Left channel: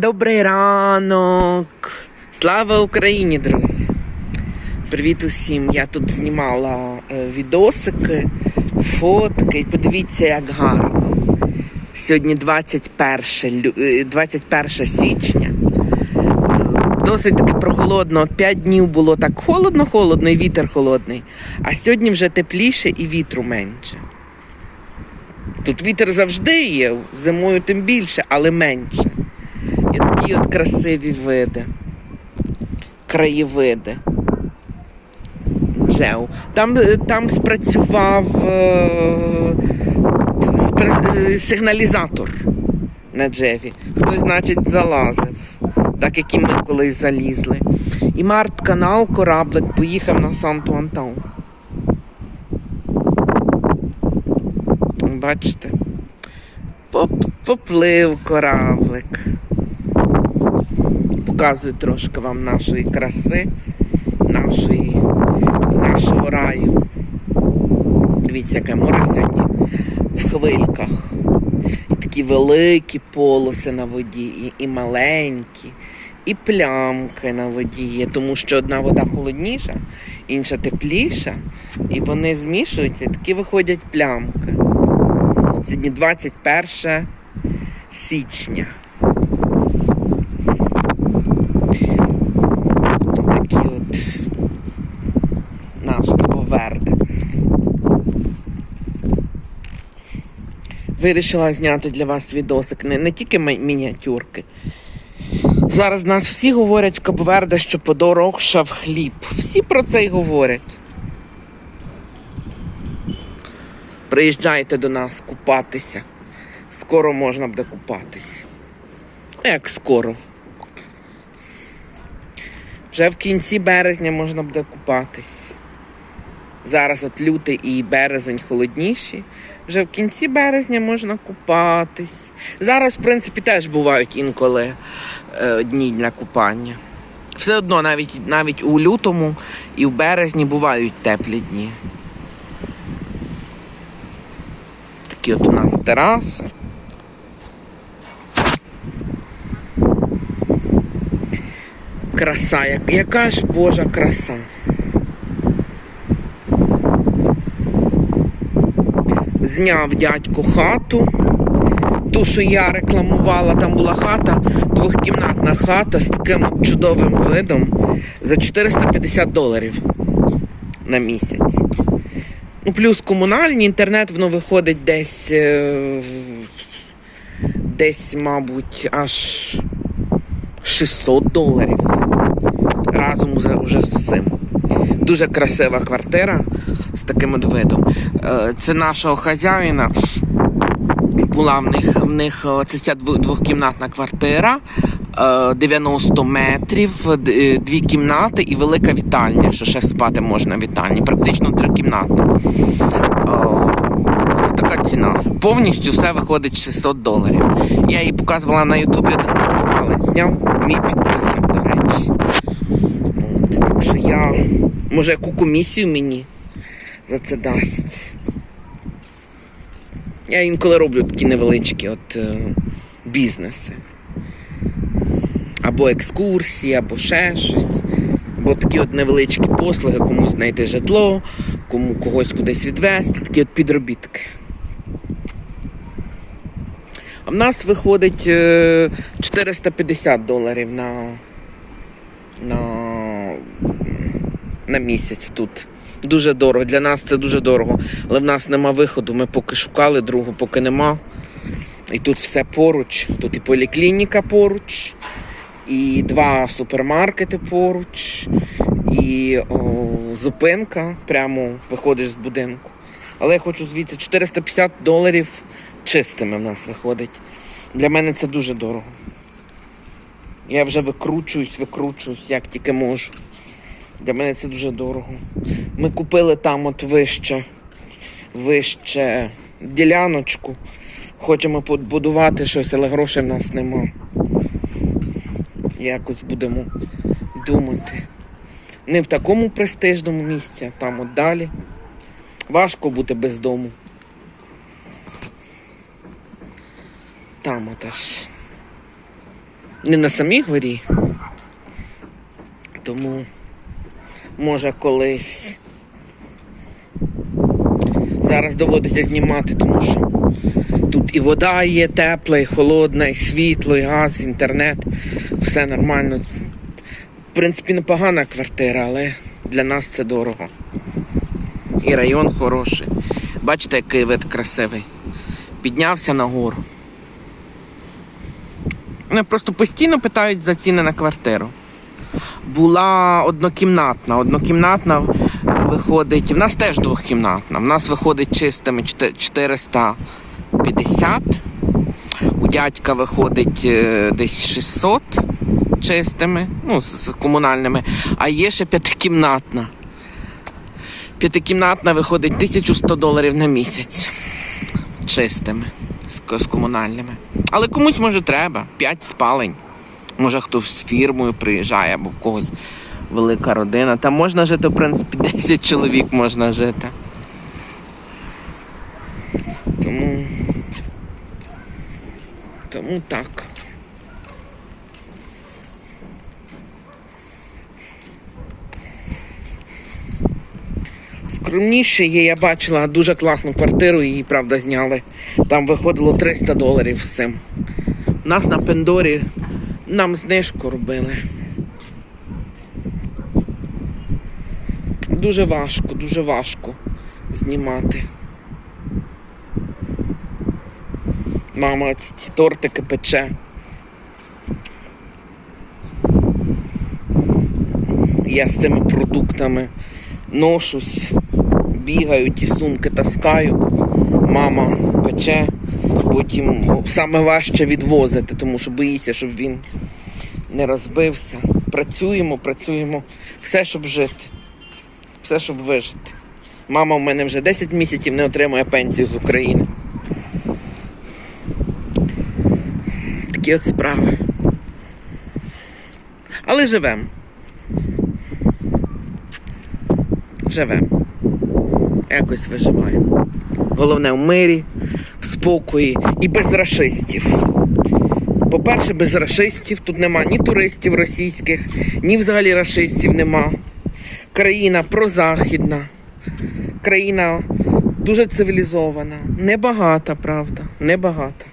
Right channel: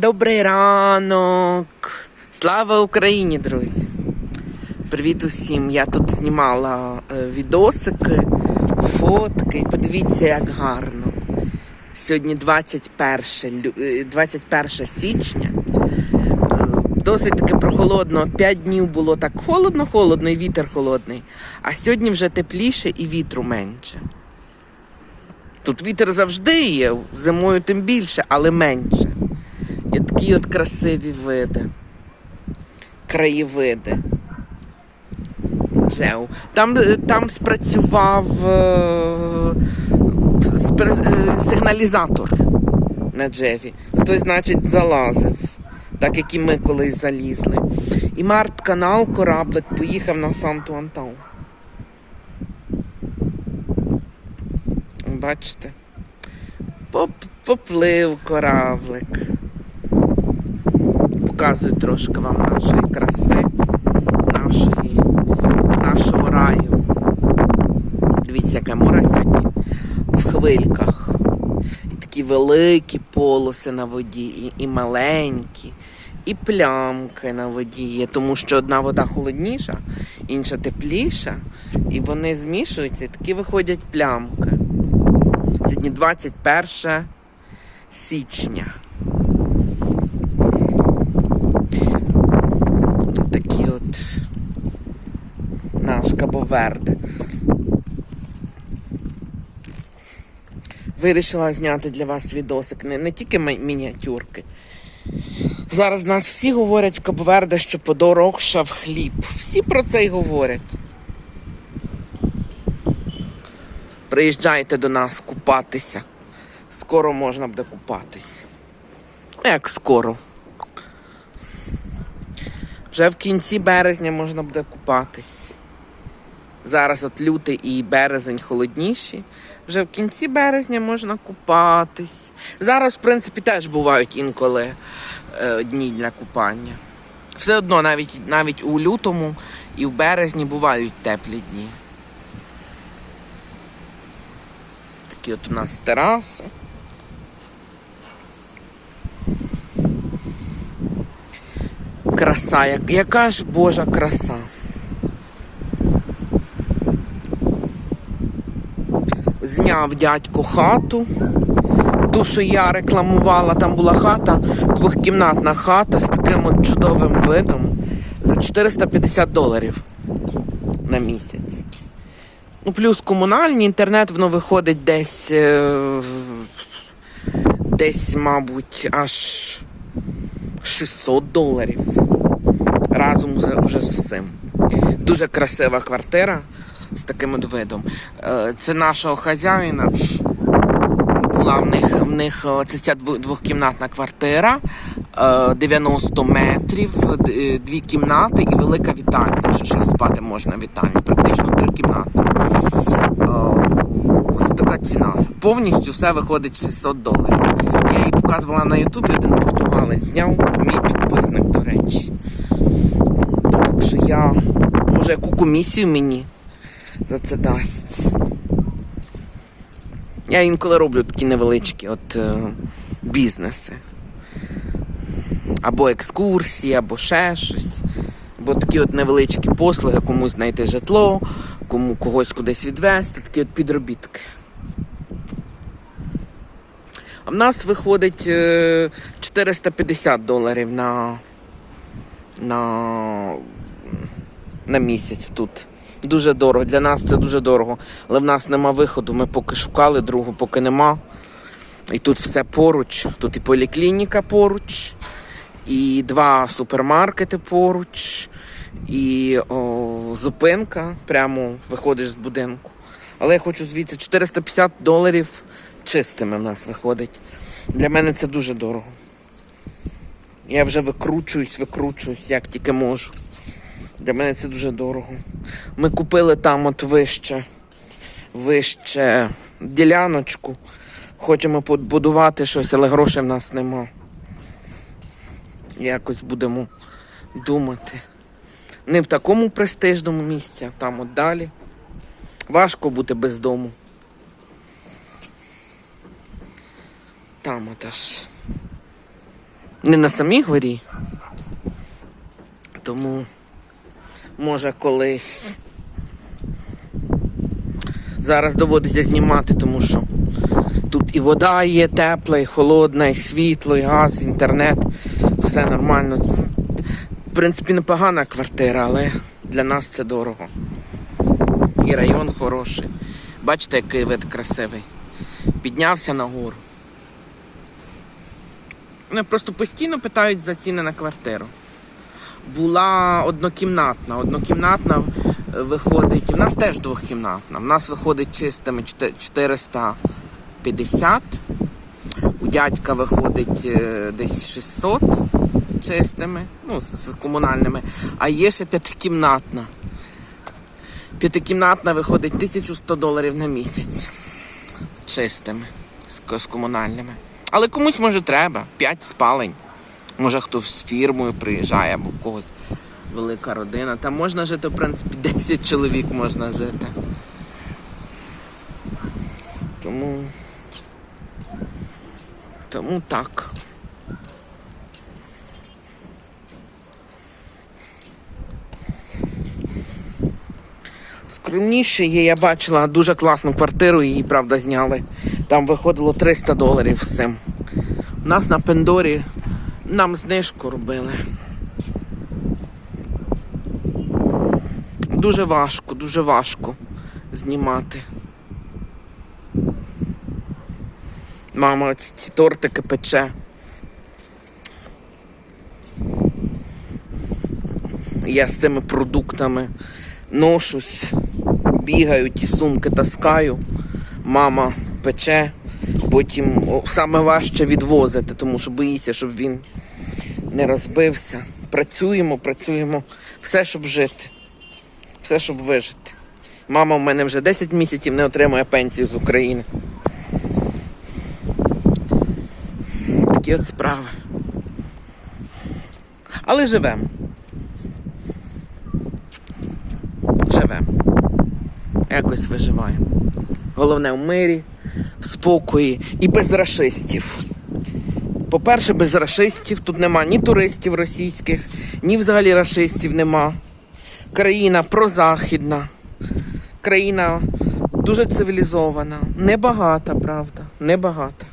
Добрий ранок! Слава Україні, друзі! Привіт усім! Я тут знімала е, відосики, фотки. Подивіться, як гарно. Сьогодні 21, е, 21 січня. Е, Досить таки прохолодно. П'ять днів було так холодно-холодно і вітер холодний. А сьогодні вже тепліше і вітру менше. Тут вітер завжди є, зимою тим більше, але менше. І такі от красиві види. Краєвиди. Джеу. Там, е, там спрацював е, е, сигналізатор на Джеві. Хтось, значить, залазив, так як і ми колись залізли. І Март канал кораблик поїхав на Санту Антон. Бачите? Поп- Поплив кораблик. Показую трошки вам нашої краси, нашої, нашого раю. Дивіться, яке море сьогодні в хвильках. І такі великі полоси на воді, і, і маленькі, і плямки на воді є, тому що одна вода холодніша, інша тепліша, і вони змішуються, і такі виходять плямки. Сьогодні 21 січня. Такі от Кабоверде. Вирішила зняти для вас відосик, не, не тільки мі- мініатюрки. Зараз нас всі говорять в Кабоверде, що подорожчав хліб. Всі про це й говорять. Приїжджайте до нас купатися. Скоро можна буде купатися. Як скоро? Вже в кінці березня можна буде купатись. Зараз от лютий і березень холодніші. Вже в кінці березня можна купатись. Зараз, в принципі, теж бувають інколи е, дні для купання. Все одно, навіть, навіть у лютому і в березні бувають теплі дні. Такі от у нас тераси. Краса, яка ж Божа краса. Зняв дядько хату. Ту, що я рекламувала, там була хата, двохкімнатна хата з таким от чудовим видом за 450 доларів на місяць. Ну, плюс комунальний інтернет, воно виходить десь, е, десь, мабуть, аж 600 доларів. Разом уже з усім. Дуже красива квартира з таким от видом. Е, Це нашого хазяїна. Була в них, в них е, це ця двохкімнатна квартира, е, 90 метрів, е, дві кімнати і велика вітальня, що ще спати можна в вітальні, практично трикімнатна. Е, Ось така ціна. Повністю все виходить 600 доларів. Я її показувала на Ютубі, один португалець зняв, мій підписник, до речі. Так що я, може, яку комісію мені за це дасть. Я інколи роблю такі невеличкі от, е, бізнеси. Або екскурсії, або ще щось. Або такі от невеличкі послуги, комусь знайти житло, кому когось кудись відвезти, такі от підробітки. А в нас виходить е, 450 доларів на, на, на місяць тут. Дуже дорого. Для нас це дуже дорого. Але в нас нема виходу. Ми поки шукали другу, поки нема. І тут все поруч. Тут і поліклініка поруч, і два супермаркети поруч, і о, зупинка прямо виходиш з будинку. Але я хочу звідти 450 доларів чистими в нас виходить. Для мене це дуже дорого. Я вже викручуюсь, викручуюсь, як тільки можу. Для мене це дуже дорого. Ми купили там от вище, вище діляночку. Хочемо побудувати щось, але грошей в нас нема. Якось будемо думати. Не в такому престижному місці, а там от далі. Важко бути без дому. Там от. Не на самій горі. Тому може колись. Зараз доводиться знімати, тому що тут і вода є тепла, і холодна, і світло, і газ, інтернет. Все нормально. В принципі, непогана квартира, але для нас це дорого. І район хороший. Бачите, який вид красивий. Піднявся нагору. Вони просто постійно питають за ціни на квартиру. Була однокімнатна. Однокімнатна виходить. В нас теж двохкімнатна. В нас виходить чистими 450. У дядька виходить е, десь 600 чистими, ну, з, комунальними, а є ще п'ятикімнатна. П'ятикімнатна виходить 1100 доларів на місяць чистими з комунальними. Але комусь може треба. 5 спалень. Може хтось з фірмою приїжджає або в когось велика родина. Там можна жити, в принципі, 10 чоловік можна жити. Тому. Тому так. Скромніше є, я бачила дуже класну квартиру, її, правда, зняли. Там виходило 300 доларів з цим. У нас на Пендорі нам знижку робили. Дуже важко, дуже важко знімати. Мама ці, тортики пече. Я з цими продуктами ношусь, бігаю, ті сумки таскаю. Мама пече, потім о, саме важче відвозити, тому що боїся, щоб він не розбився. Працюємо, працюємо, все, щоб жити, все, щоб вижити. Мама в мене вже 10 місяців не отримує пенсію з України. Такі от справи. Але живемо. Живемо. Якось виживаємо. Головне в мирі, в спокої і без расистів. По-перше, без расистів тут нема ні туристів російських, ні взагалі расистів нема. Країна прозахідна, країна дуже цивілізована, небагата, правда, небагата.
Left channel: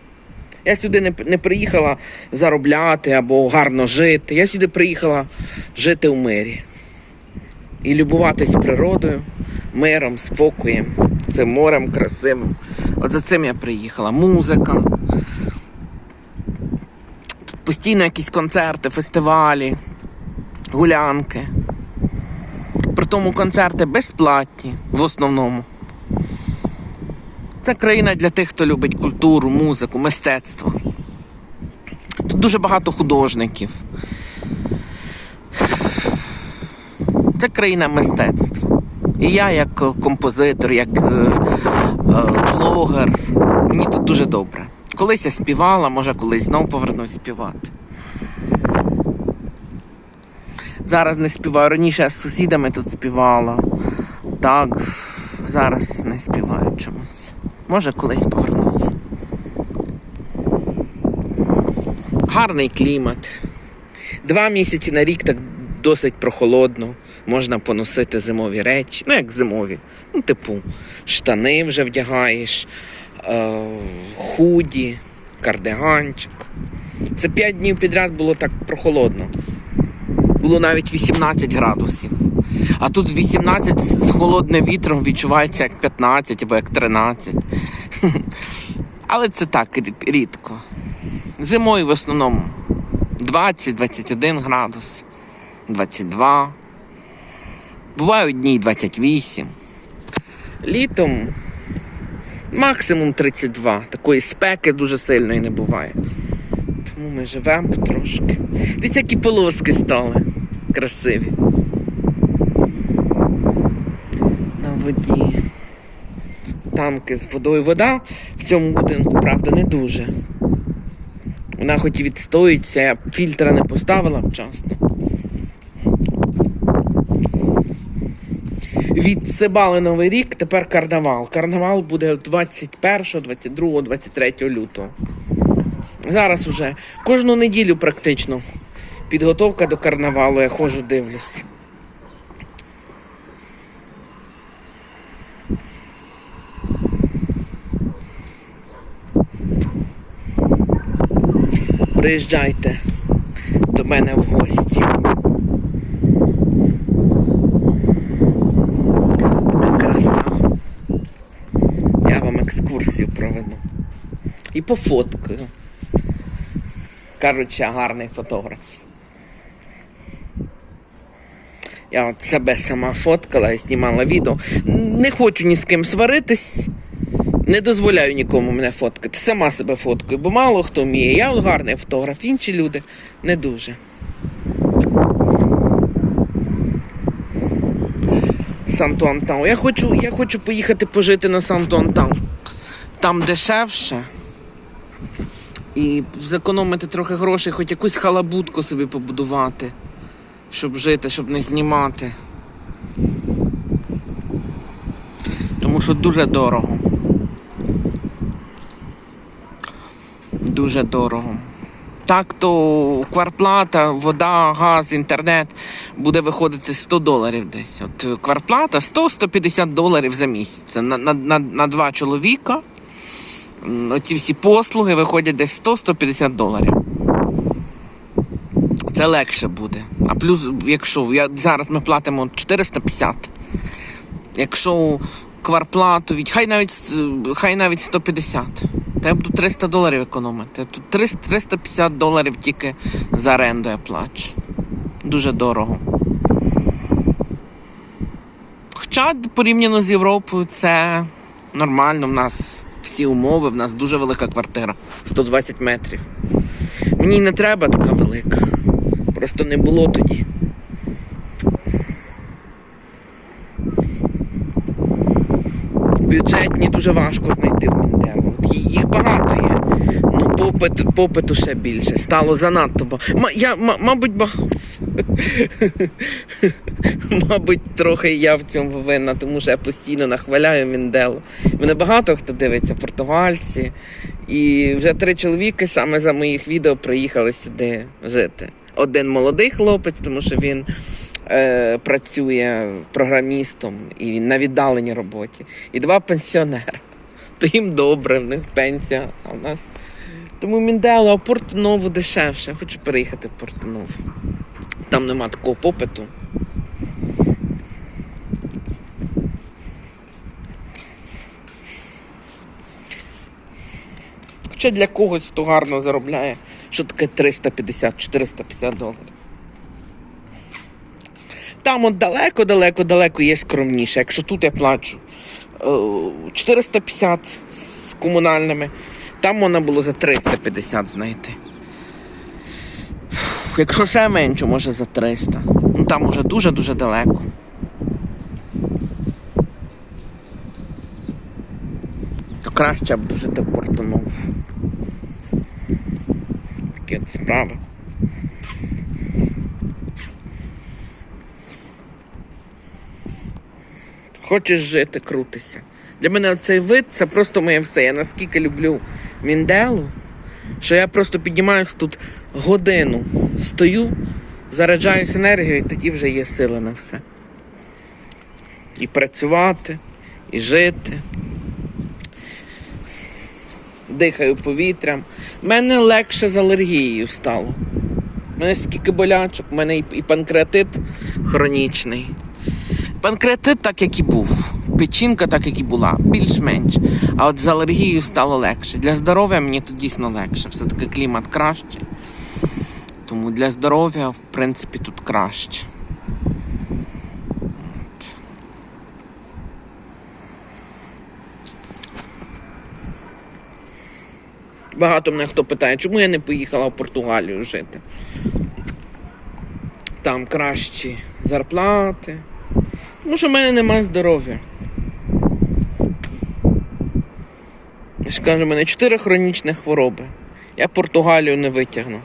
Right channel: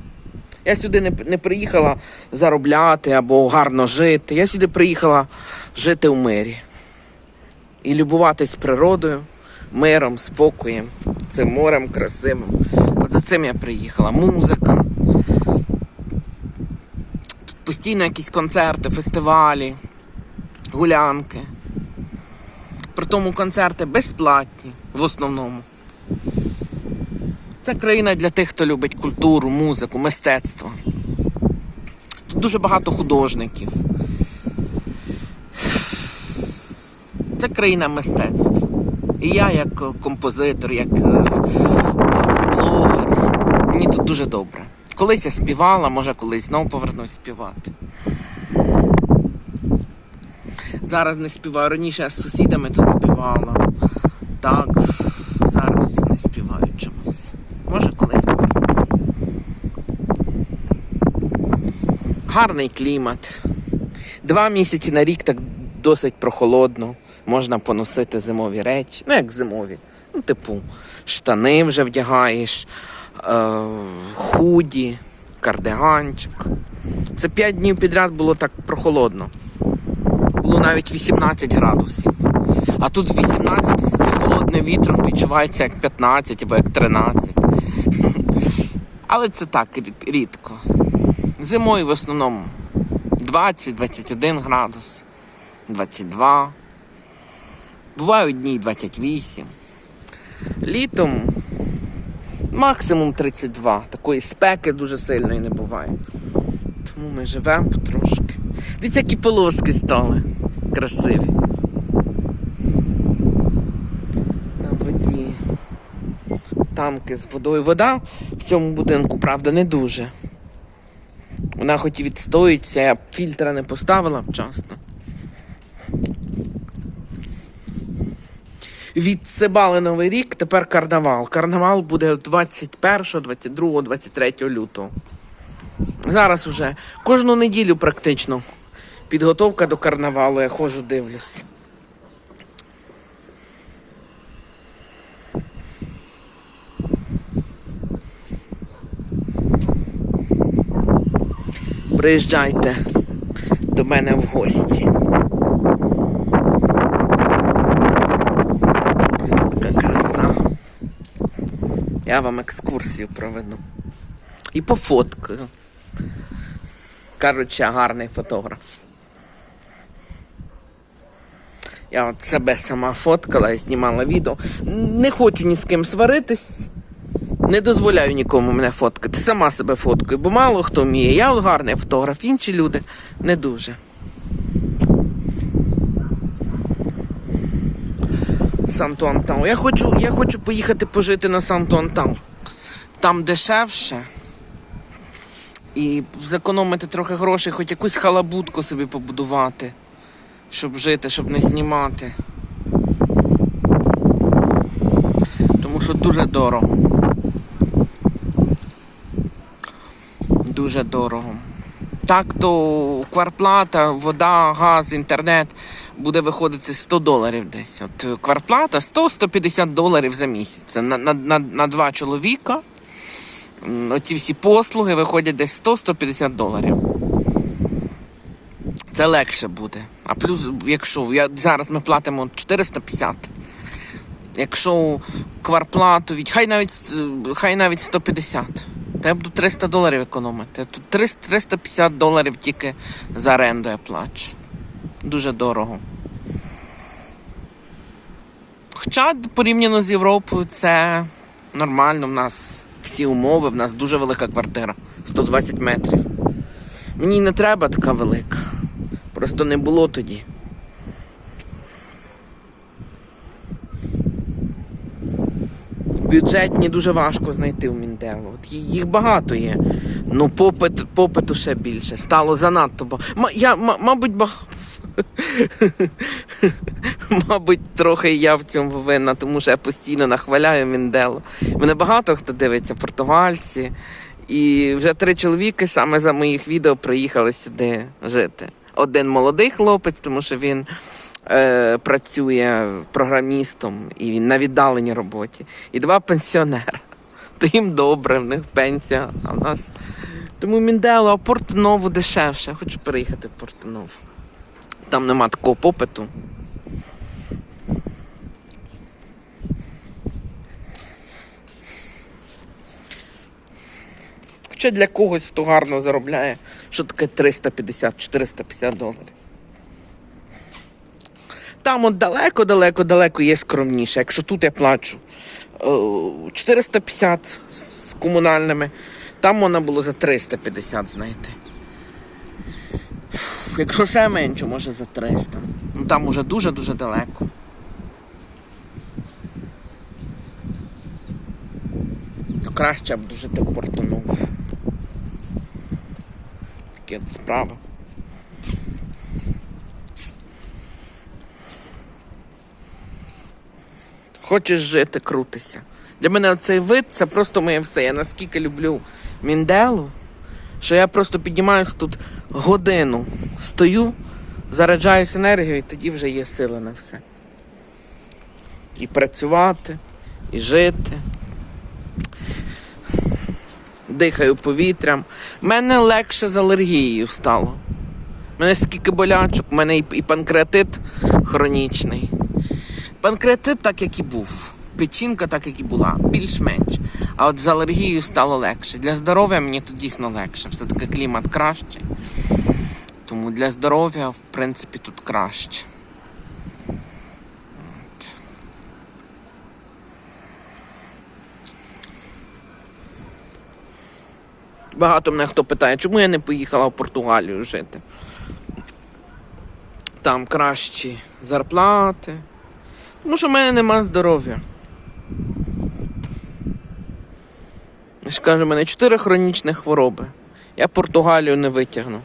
Я сюди не, не приїхала заробляти або гарно жити. Я сюди приїхала жити в мирі і любуватись природою, миром, спокоєм, цим морем красивим. От за цим я приїхала. Музика. Тут постійно якісь концерти, фестивалі, гулянки. При тому концерти безплатні в основному. Це країна для тих, хто любить культуру, музику, мистецтво. Тут дуже багато художників. Це країна мистецтва. І я, як е, композитор, як е, е, блогер, мені тут дуже добре. Колись я співала, може колись знову повернусь співати. Зараз не співаю. Раніше я з сусідами тут співала. Так, зараз не співаю чомусь. Може колись повернусь. Гарний клімат. Два місяці на рік так досить прохолодно. Можна поносити зимові речі. Ну, як зимові. Ну, типу, штани вже вдягаєш, худі, кардиганчик. Це 5 днів підряд було так прохолодно. Було навіть 18 градусів. А тут 18 з холодним вітром відчувається як 15 або як 13. Але це так рідко. Зимою в основному 20-21 градус, 22. Бувають дні 28. Літом максимум 32. Такої спеки дуже сильної не буває. Тому ми живемо потрошки. Дивіться, які полоски стали. Красиві. На воді. Тамки з водою. Вода в цьому будинку, правда, не дуже. Вона хоч і відстоїться, я фільтра не поставила вчасно. Відсибали Новий рік, тепер карнавал. Карнавал буде 21, 22, 23 лютого. Зараз уже кожну неділю практично. Підготовка до карнавалу, я ходжу, дивлюсь. Приїжджайте до мене в гості. Така краса. Я вам екскурсію проведу. І пофоткаю. Коротше, гарний фотограф. Я от себе сама фоткала і знімала відео. Не хочу ні з ким сваритись. Не дозволяю нікому мене фоткати. Сама себе фоткаю, бо мало хто вміє. Я от гарний фотограф, інші люди не дуже. Санту-Антау. Я хочу, я хочу поїхати пожити на Санту-Антау. Там дешевше. І зекономити трохи грошей, хоч якусь халабутку собі побудувати, щоб жити, щоб не знімати. Тому що дуже дорого. Дуже дорого. Так то кварплата, вода, газ, інтернет буде виходити 100 доларів десь. От кварплата 100-150 доларів за місяць. На, на, на, на два чоловіка. Оці всі послуги виходять десь 100-150 доларів. Це легше буде. А плюс, якщо я, зараз ми платимо 450. Якщо кварплату, хай навіть, хай навіть 150. Та я буду 300 доларів економити. Тут 300, 350 доларів тільки за оренду я плачу. Дуже дорого. Хоча порівняно з Європою це нормально. В нас всі умови, в нас дуже велика квартира. 120 метрів. Мені не треба така велика. Просто не було тоді. Бюджетні дуже важко знайти в Мінделу. Їх багато є. Ну, попит, попиту все більше. Стало занадто багато. Ма, я, ма, мабуть, ба... мабуть, трохи я в цьому винна, тому що я постійно нахваляю Мінделу. Мене багато хто дивиться, португальці. І вже три чоловіки саме за моїх відео приїхали сюди жити. Один молодий хлопець, тому що він е, працює програмістом і він на віддаленій роботі. І два пенсіонери. То їм добре, в них пенсія, а в нас. Тому Міндела, а Портнову дешевше. Хочу переїхати в Портнову. Там нема такого попиту. Хоча для когось хто гарно заробляє, що таке 350-450 доларів. Там от далеко, далеко, далеко є скромніше. Якщо тут я плачу е, 450 з комунальними, там можна було за 350 знайти. Фух, Якщо ще менше, може за 300. Ну там уже дуже-дуже далеко. То краще б жити в Портонову. Такі от справи. Хочеш жити, крутися. Для мене цей вид це просто моє все. Я наскільки люблю Мінделу, що я просто піднімаюся тут годину, стою, заряджаюсь енергією, і тоді вже є сила на все. І працювати, і жити. Дихаю повітрям. Мене легше з алергією стало. У мене скільки болячок, у мене і панкреатит хронічний. Панкреатит так, як і був. Печінка так, як і була, більш-менш. А от з алергією стало легше. Для здоров'я мені тут дійсно легше. Все-таки клімат кращий. Тому для здоров'я, в принципі, тут краще. Багато мене хто питає, чому я не поїхала в Португалію жити. Там кращі зарплати. Тому що в мене нема здоров'я. Я ж кажу, в мене чотири хронічні хвороби. Я Португалію не витягну.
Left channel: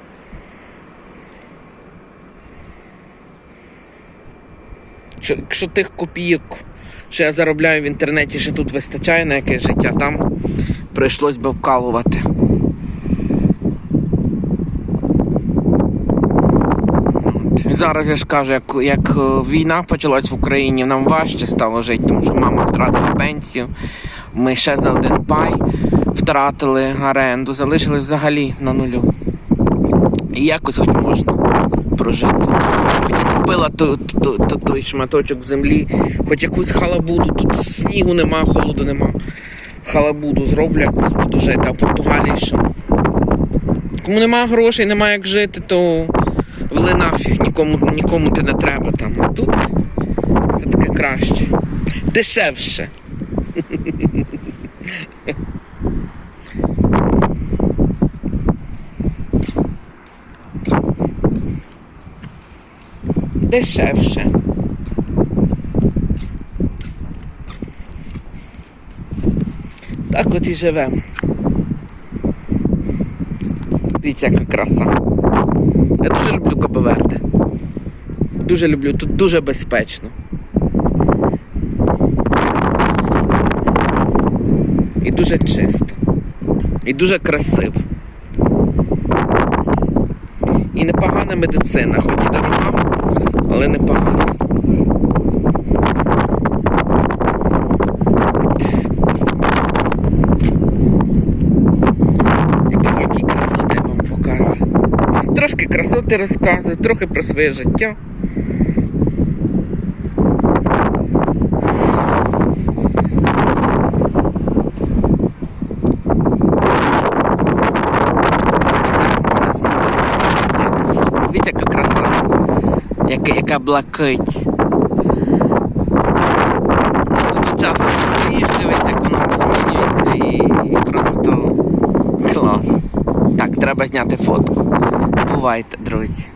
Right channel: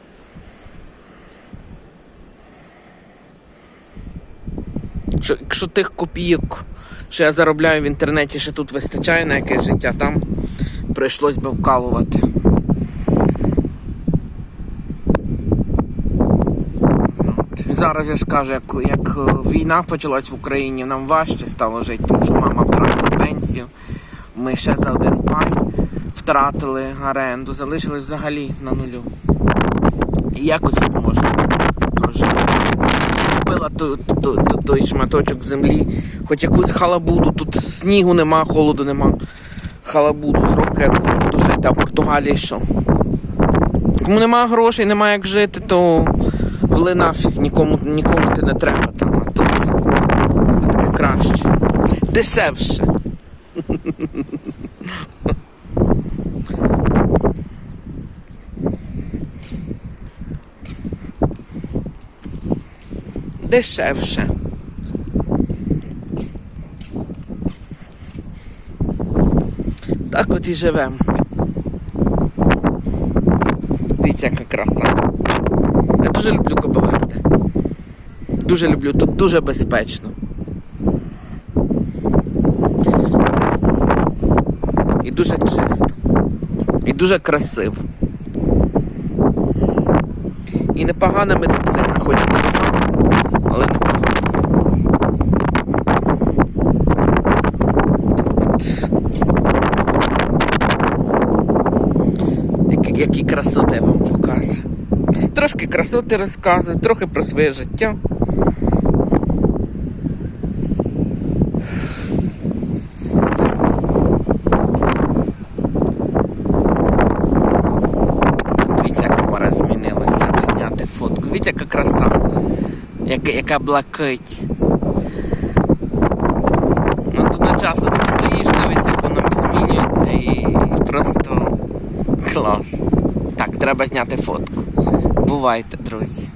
Що, якщо тих копійок, що я заробляю в інтернеті, ще тут вистачає на якесь життя, там прийшлось би вкалувати. Зараз я ж кажу, як, як е, війна почалась в Україні, нам важче стало жити, тому що мама втратила пенсію. Ми ще за один пай втратили оренду, залишились взагалі на нулю. І якось можна прожити. Купила то, то, то, то, той шматочок землі, хоч якусь халабуду, тут снігу нема, холоду нема. Халабуду зроблю, якусь буду жити, а в Португалії що? Кому нема грошей, нема як жити, то вели нафіг, нікому, нікому ти не треба там. А тут все-таки краще. Дешевше. Дешевше. Так от і живемо. Дивіться, яка краса. Я дуже люблю Кабоверде. Дуже люблю, тут дуже безпечно. І дуже чисто. І дуже красиво. І непогана медицина, хоч і дорога, але непогана. Які, які красоти я вам показую. Трошки красоти розказую, трохи про своє життя. Дивіться, яка краса, яка, яка блакить. Ну, тут стоїш, дивись, як воно змінюється і просто клас. Так, треба зняти фотку. Бувайте, друзі.